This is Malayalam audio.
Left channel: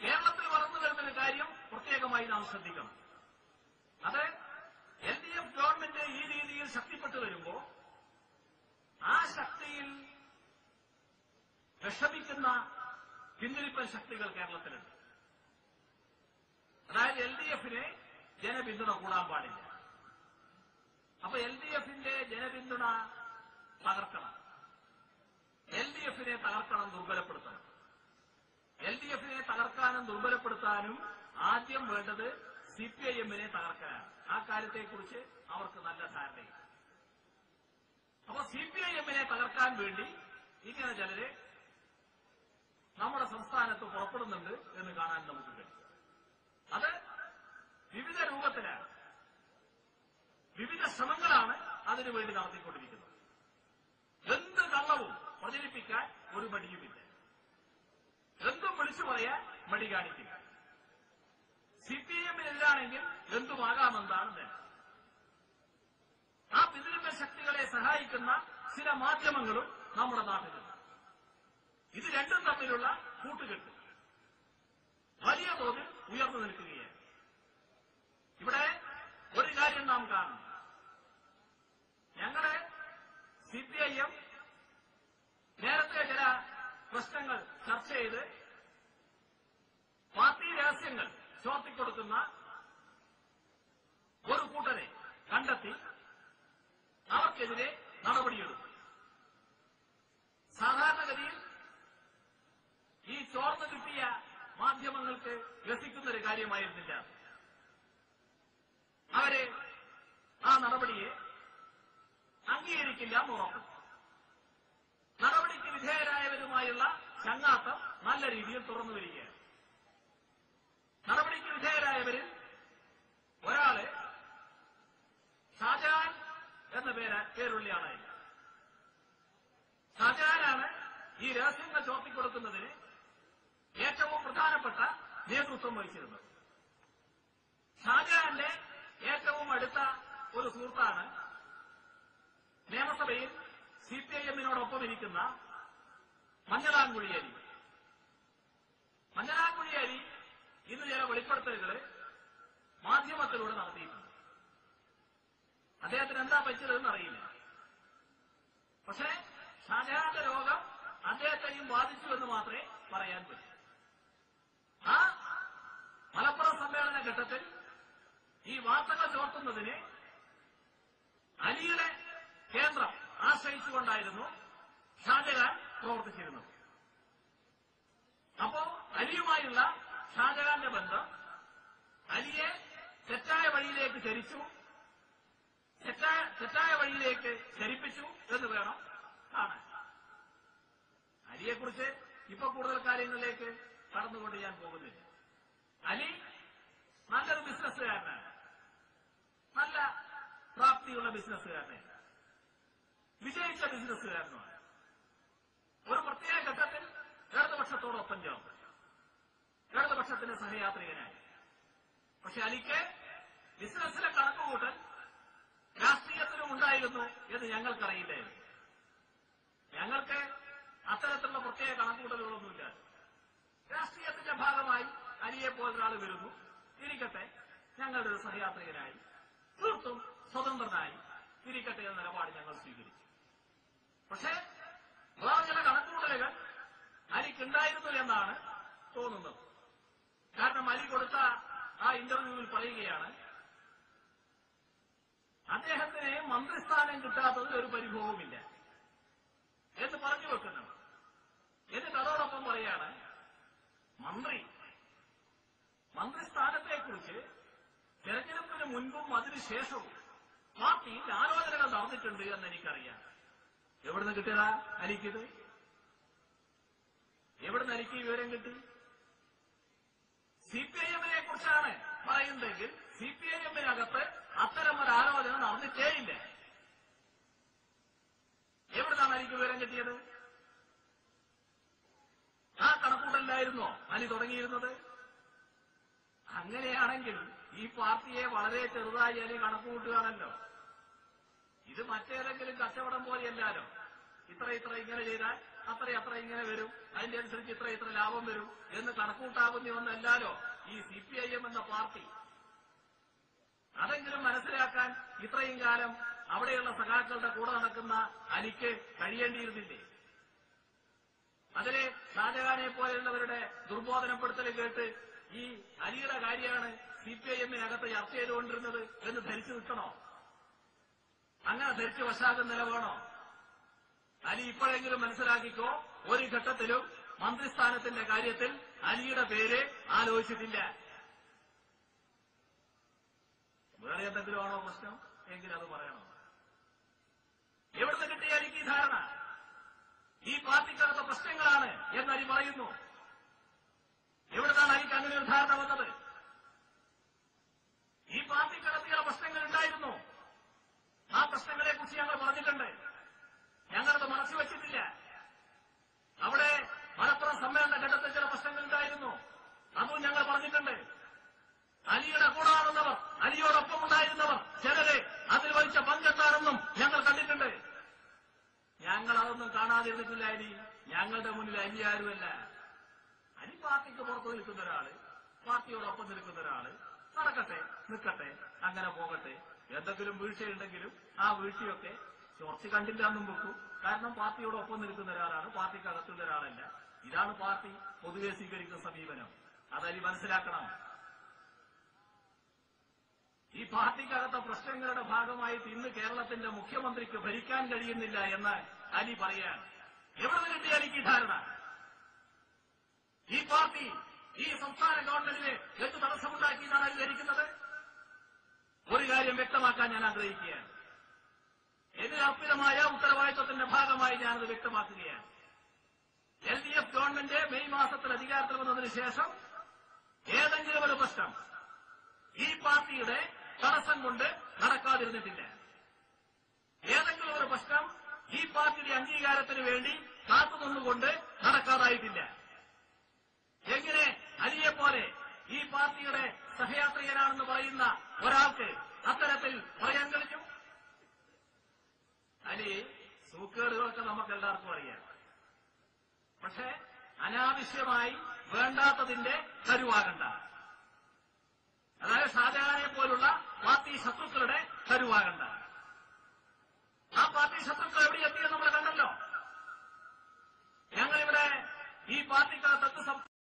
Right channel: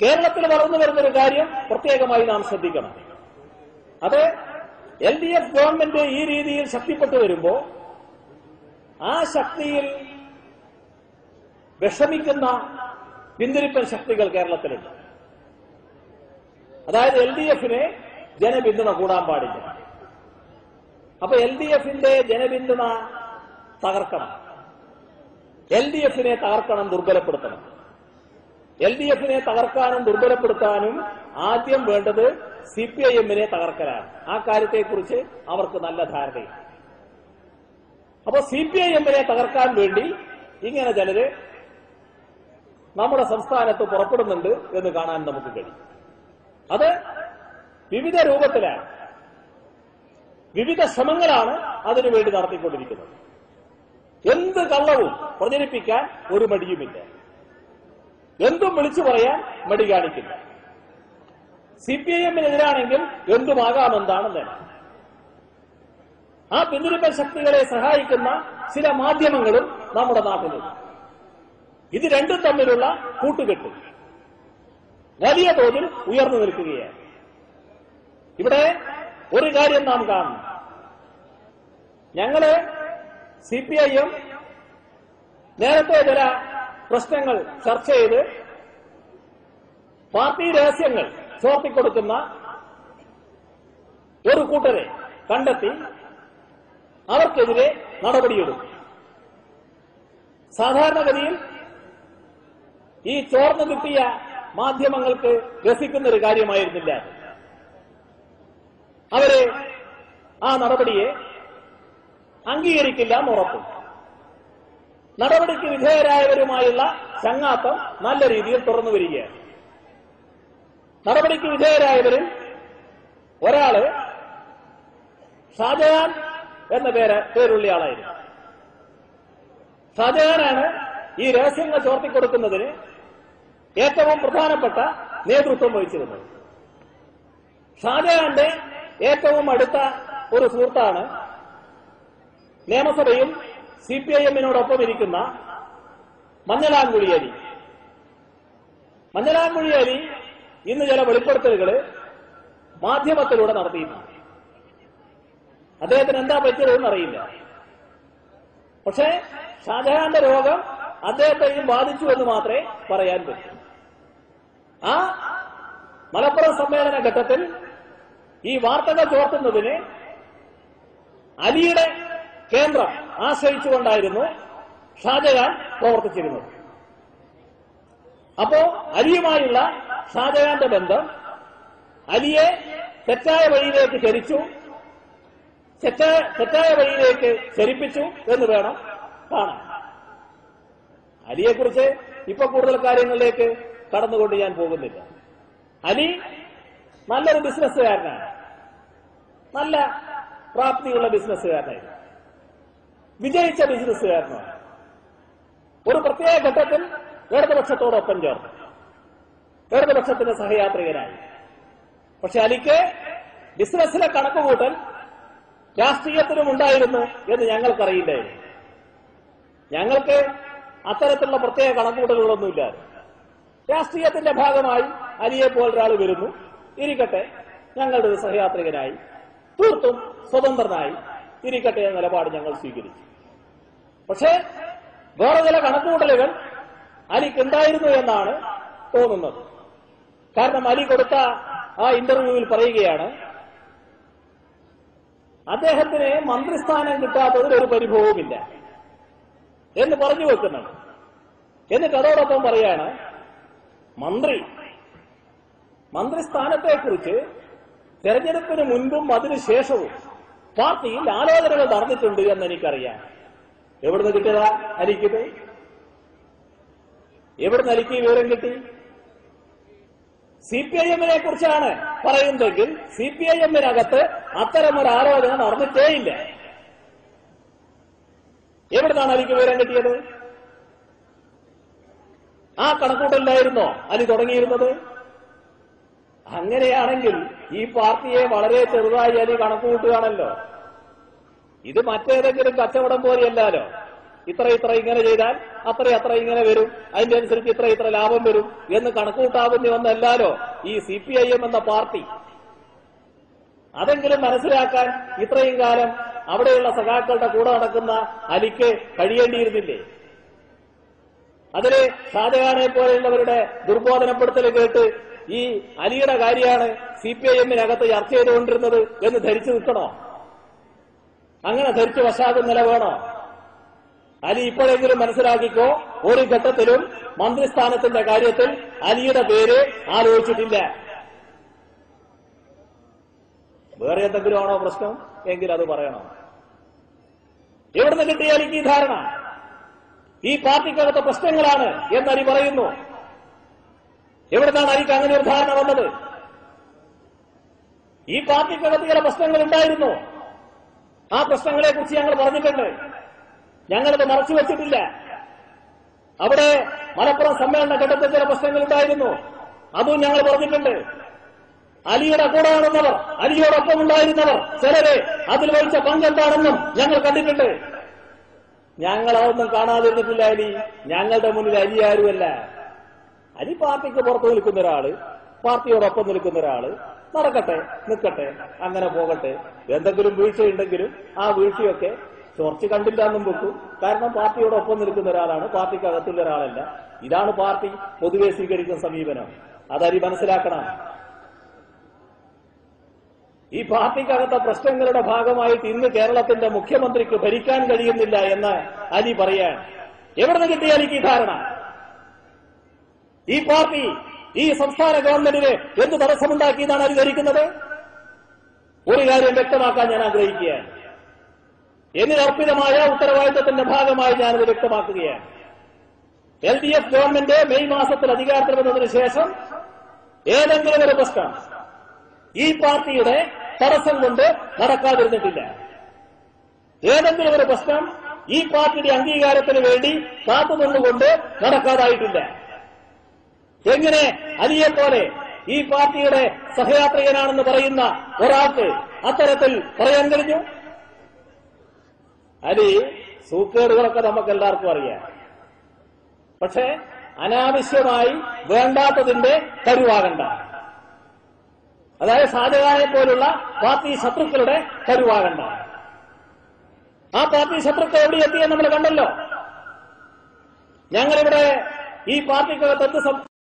കേരളത്തിൽ വളർന്നു വരുന്നൊരു കാര്യം പ്രത്യേകമായി നാം ശ്രദ്ധിക്കണം. അത് LDF ഗവൺമെന്റ് ഈ രീതിയിൽ ശക്തിപ്പെട്ടു വരുമ്പോൾ ആ ശക്തിയിൽ വിഷമിക്കുന്ന പിന്തിരിപ്പൻ ശക്തികൾ കേരളത്തിലുണ്ട്. അതായത് LDFന് ജനപിന്തുണ കൂടാൻ പാടില്ല. അപ്പൊ LDFന്റെ ജനപിന്തുണ തകർക്കണം, LDFനെ തകർക്കണം, ദുർബലപ്പെടുത്തണം. LDFനെ തകർക്കാനും ദുർബലപ്പെടുത്താനും ആദ്യം വേണ്ടത് CPIMനെ തകർക്കലാണ്. ആ കാര്യത്തെക്കുറിച്ച് അവർക്ക് നല്ല ധാരണയുണ്ട്. അപ്പൊ CPIMനെ തകർക്കാൻ വേണ്ടി ഇങ്ങനെ ചിലര് നമ്മുടെ സംസ്ഥാനത്ത് പുറപ്പെടുന്നുണ്ട് എന്ന് കാണാൻ നമുക്ക് കഴിയും. അത് വിവിധ രൂപത്തിലാണ്, വിവിധ ശ്രമങ്ങളാണ് അതിനുവേണ്ടി നടത്തിക്കൊണ്ടിരിക്കുന്നത്. എന്ത് കള്ളവും പ്രചരിപ്പിക്കാൻ ഒരു മടിയുമില്ല, എന്തും വിളിച്ചു പറയാൻ മടി കാണിക്കില്ല. CPIMനെതിരാണെങ്കിൽ എന്തുമാകാമെന്നാണ് നേരം. ആ പിന്തുണ ശക്തികളെ സഹായിക്കുന്ന ചില മാധ്യമങ്ങളും നമ്മുടെ നാട്ടിലുണ്ട്. ഇത് രണ്ടും തമ്മിലുള്ള കൂട്ടുകെട്ട് വലിയ തോതിൽ ഉയർന്നു നിൽക്കുകയാണ്. ഇവിടെ ഒരു കാര്യം നാം കാണുന്നു. ഞങ്ങള് CPIM നേരത്തെ ചില പ്രശ്നങ്ങൾ ചർച്ച ചെയ്ത് പാർട്ടി രഹസ്യങ്ങൾ ചോർത്തിക്കൊടുക്കുന്ന ഒരു കൂട്ടരെ കണ്ടെത്തി അവർക്കെതിരെ നടപടിയെടുക്കും. സാധാരണഗതിയിൽ ഈ ചോർന്നു കിട്ടിയ മാധ്യമങ്ങൾക്ക് രസിക്കുന്ന ഒരു കാര്യമായിരുന്നില്ല. അവര് ആ നടപടിയെ അംഗീകരിക്കില്ല എന്നുറപ്പും. നടപടിക്ക് വിധേയരായവരുമായുള്ള ചങ്ങാത്തം നല്ല രീതിയിൽ തുറന്നു വരികയാണ്. നടപടിക്ക് വിധേയരായവരിൽ ഒരാള് ഷാജഹാൻ എന്ന പേരുള്ള ആളായിരുന്നു. ഷാജഹാനാണ് ഈ രഹസ്യങ്ങൾ ചോർത്തിക്കൊടുക്കുന്നതിന് ഏറ്റവും പ്രധാനപ്പെട്ട നേതൃത്വം വഹിച്ചിരുന്നത്. ഷാജഹാന്റെ ഏറ്റവും അടുത്ത ഒരു സുഹൃത്താണ് നിയമസഭയിൽ CPIMനോടൊപ്പം ഇരിക്കുന്ന മഞ്ഞളാംകുഴി അലി. മഞ്ഞളാംകുഴി അലി ഇന്ന് ചില വെളിപ്പെടുത്തലുകൾ മാധ്യമത്തിലൂടെ നടത്തിയിട്ടുണ്ട്. അദ്ദേഹത്തിന് എന്താ പറ്റിയതെന്ന് അറിയില്ല. പക്ഷേ ഷാജഹാന്റെ രോഗം അദ്ദേഹത്തെയും ബാധിച്ചു എന്ന് മാത്രമേ പറയാൻ പറ്റൂ. ആ മലപ്പുറം സമ്മേളന ഘട്ടത്തിൽ ഈ വാർത്തകൾ ചോർത്തുന്നതിന് അലിയുടെ കേന്ദ്രം ആശ്രയിച്ചുകൊണ്ടായിരുന്നു ഷാജഹാൻ പ്രവർത്തിച്ചിരുന്നത്. അപ്പോ അലിയുമായുള്ള ഷാജഹാന്റെ ബന്ധം അലിയെ തെറ്റായ വഴിയിലേക്ക് ചരിച്ചു, തെറ്റായ വഴിയിലേക്ക് ചരിപ്പിച്ചു എന്ന് വേണം കാണാൻ. അലിയെക്കുറിച്ച് ഇപ്പൊ കൂടുതൽ കാര്യങ്ങളിലേക്ക് കടന്നുകൊണ്ട് ഞാൻ പോകുന്നില്ല. അലി നല്ലൊരു ബിസിനസ്സുകാരനാണ്, നല്ല പ്രാപ്തിയുള്ള ബിസിനസ്സുകാരനായിരുന്നു, വിജയിച്ച ബിസിനസ്സുകാരനാണ്. ഒരു പ്രത്യേക ഘട്ടത്തിൽ ഇടതുപക്ഷത്തോടൊപ്പം ചേർന്നു, ഇടതുപക്ഷത്തിന്റെ സഹയാത്രികനായി. പക്ഷെ അലിക്ക് ബിസിനസ്സിലെ കണക്കുകൂട്ടൽ രാഷ്ട്രീയത്തിലും ഉണ്ടായിരുന്നു എന്ന് ഞങ്ങൾക്കറിയില്ലായിരുന്നു. ഞങ്ങൾക്ക് അത്തരത്തിലുള്ള പ്രത്യേക കണക്കുകൂട്ടലുകളൊന്നുമില്ല. രാഷ്ട്രീയത്തിന്റെ ഭാഗമായി അലിയെ പോലൊരാൾ വരുന്നു, ഇരിക്കട്ടെ, ഞങ്ങളുടെ ഒരു സഹയാത്രികനായി, തീർത്തും സ്വതന്ത്രനായി ഇരിക്കട്ടെ എന്ന നിലപാട് ഞങ്ങൾ സ്വീകരിച്ചു. പക്ഷേ വേറെ ചില കണക്കുകൂട്ടലുകൾ അലിക്കുണ്ടായിരുന്നു എന്നാണ് തോന്നുന്നത്. കാരണം അലി കൊടുത്ത ആ ഇന്റർവ്യൂവിൽ പറയുകയാണ്, അദ്ദേഹത്തിന് മന്ത്രിസ്ഥാനം കിട്ടാത്തതിൽ ഒരു പരിഭവവുമില്ല എന്ന് പറഞ്ഞു വെക്കുന്നുണ്ട്. എന്നിട്ട് അതോടൊപ്പം പറയാണ്, മന്ത്രിസ്ഥാനത്തെക്കുറിച്ച് തെരഞ്ഞെടുപ്പിന് മുൻപും അതിനുശേഷവും പാർട്ടിയിൽ ആലോചനകൾ നടന്നിട്ടുണ്ട് എന്ന് എനിക്കറിയാം. എവിടുന്ന് കിട്ടിയതാ അലിക്കിത്? എവിടുന്ന് അലിക്ക് വിവരം കിട്ടി? CPIMനെ കുറിച്ചാണ് പറയുന്നതെങ്കിൽ CPIMനകത്ത് അത്തരമൊരു ആലോചന നടന്നിട്ടേയില്ല. എവിടുന്നാണ് അലിക്ക് വിവരം കിട്ടിയത്? ആ കണക്കൂട്ടലിലായിരുന്നോ അലി തുടങ്ങിയിരുന്നത്? അങ്ങനെയാണെങ്കിൽ ഈ പാർട്ടിയെ വളരെ ചെറുതായി അലി കണക്കുകൂട്ടുകയാണല്ലോ. ഇത് മറ്റേതെങ്കിലും കച്ചവടം പോലെയല്ലോ. ഇത്ര ഇങ്ങനെ ചെയ്താൽ അത്ര ഇങ്ങനെ വരും, അതിന്റെ അനുസരിച്ച് ഇത്ര ലാഭം വരും എന്ന് കണക്കൂട്ടാകുന്ന ഒന്നല്ലാലോ ഈ CPIM എന്ന പാർട്ടി. അതെങ്കിലും മനസ്സിലാക്കാൻ ഇത്രയും കാലം അവിടെയുള്ള സഖാക്കളുടെ കൂടെ നടക്കുന്ന അലിക്ക് കഴിയേണ്ടിയിരുന്നില്ലേ? അതില് ഷാജഹാനെ പോലെയുള്ളവരുടെ ദുർബോധനപ്പെടുത്തൽ കേട്ട് ഈ അലിയുടെ കാര്യമാണ് CPIM-നകത്ത് ചർച്ച ചെയ്തുകൊണ്ടിരുന്നത് എന്ന് ധരിച്ചു നിൽക്കണോ? അങ്ങനെ ധരിച്ചു വശാകും നില വേണോ? അലി ഇപ്പോഴെങ്കിലും മനസ്സിലാക്കിക്കോ, ഒരു ഘട്ടത്തിലും മന്ത്രിസ്ഥാനത്തിന്റെ കാര്യത്തിൽ അലിയുടെ പേര് ആലോചിച്ചിട്ടില്ല. വേറെ എന്തെങ്കിലും ആണോ പ്രശ്നം എങ്കിൽ അത് പറയണം. എവിടുന്ന് കിട്ടിയ അലിക്ക് ഈ ധാരണ? ഈ പാർട്ടിക്കകത്തെ പ്രശ്നങ്ങളാണ് എന്ന് അലി പറയുന്നു. എവിടുന്നാണ് അലിക്ക് അങ്ങനെ ഒരു ധാരണ വന്നത്? ഈ പാർട്ടിക്കകത്ത് ചില പ്രശ്നങ്ങൾ ഉണ്ടായിരുന്നു. ആ പ്രശ്നങ്ങളെ കുറിച്ച് ഞങ്ങൾ പറഞ്ഞിട്ടുണ്ട്. ഞങ്ങളത് മറച്ചുവെച്ചിട്ടില്ല. അവിടെ മലപ്പുറം സമ്മേളന ഘട്ടത്തിൽ ചില പ്രശ്നങ്ങൾ ഉണ്ടായിരുന്നു. അതും ഞങ്ങൾ പറഞ്ഞിട്ടുണ്ട്. അലിയുടെ കൂടെ നടന്നവർ, അലിയോടൊപ്പം ഉണ്ടായിരുന്നവർ ചിലരെ അതിൽ വഹിച്ച പങ്കെന്താണെന്നും ഞങ്ങൾ കണ്ടിട്ടുണ്ട്. ഞങ്ങളതൊന്നും കാണാതിരുന്നിട്ടില്ല. അലി ഞങ്ങളുടെ മുന്നിൽ അലി ആരുമല്ല. അലി പാർട്ടിക്ക് പുറത്തു നിൽക്കുന്ന ഒരാള്, പാർട്ടിയോടൊപ്പം നിൽക്കുന്ന ഒരാള്. നടക്കട്ടെ, നിൽക്കട്ടെ, അങ്ങനെ പോകട്ടെ. എന്തെങ്കിലും വീഴ്ചയുണ്ടെങ്കിലും ആ വീഴ്ചയൊക്കെ ചോർച്ച കണ്ടില്ല എന്നും വെക്കും. കാരണം പാർട്ടിയോടൊപ്പം നിൽക്കുന്ന ഒരാളാണ്, പാർട്ടിക്കകത്തുള്ള ഒരാളല്ല. ഇതാണ് പാർട്ടി പൊതുവെ സ്വീകരിക്കുന്ന സമീപനം. അതലി മനസ്സിലാക്കണം. ഈ പാർട്ടിക്കകത്തെ പ്രശ്നങ്ങളുടെ ഭാഗമായിട്ട് ഇന്ന് കേരളത്തിന്റെ മുഖ്യമന്ത്രിക്ക് ഭരിക്കാൻ കഴിയുന്നില്ല എന്ന് അലി പറയാൻ എവിടുന്ന് കിട്ടിയ അലിക്ക് ഈ ധാരണ? ഈ പാർട്ടി ഈ സംസ്ഥാന ഗവൺമെന്റിന് എന്ത് തടസ്സമുണ്ടാക്കിയെന്നാണ് അലി ധരിക്കുന്നത്? ഒരു കാര്യം വ്യക്തമാക്കാൻ ഞാൻ ആഗ്രഹിക്കുകയാണ്. എന്നിലർപ്പിതമായ ഉത്തരവാദിത്തത്തിന്റെ ഭാഗമായി ഞാനത് വ്യക്തമാക്കുകയാണ്. LDF ഗവൺമെന്റ് മെയ് മാസത്തിൽ അധികാരത്തിൽ വന്നതിന് ശേഷം ഏതെങ്കിലും ഒരു പ്രശ്നം ഈ പാർട്ടിയുടെ തടസ്സം കൊണ്ട് നടക്കാതിരുന്നിട്ടില്ല. ഏതെങ്കിലും ഒരു പ്രശ്നം ഈ പാർട്ടിയുടെ അംഗീകാരത്തിന് വേണ്ടി കാത്തുനിന്നുകൊണ്ട് നടക്കാതായിട്ടില്ല. എങ്ങനെ അലിയെപ്പോലെ ഈ പാർട്ടിയുടെ സഹയാത്രികനാണെന്ന് പറയുന്ന ഒരാൾക്ക് അത്തരത്തിൽ പറയാൻ കഴിഞ്ഞു? അലി സൂക്കേടുകളൊക്കെ നമുക്ക് എല്ലാവർക്കും അറിയാം. പക്ഷേ അനാവശ്യമായി വേണ്ടാത്തതിന്റെ കരുവാകണ്ട. അതായത് ഷാജഹാനെ പോലുള്ള പാർട്ടി ശത്രുക്കളുടെ കരുവാകണ്ട. ആ പാർട്ടി ശത്രുക്കൾ എവിടെ എത്തിയെന്ന് നമ്മൾ കണ്ടല്ലോ. ഞങ്ങളിവിടെ ഈ പാർട്ടിക്കകത്ത്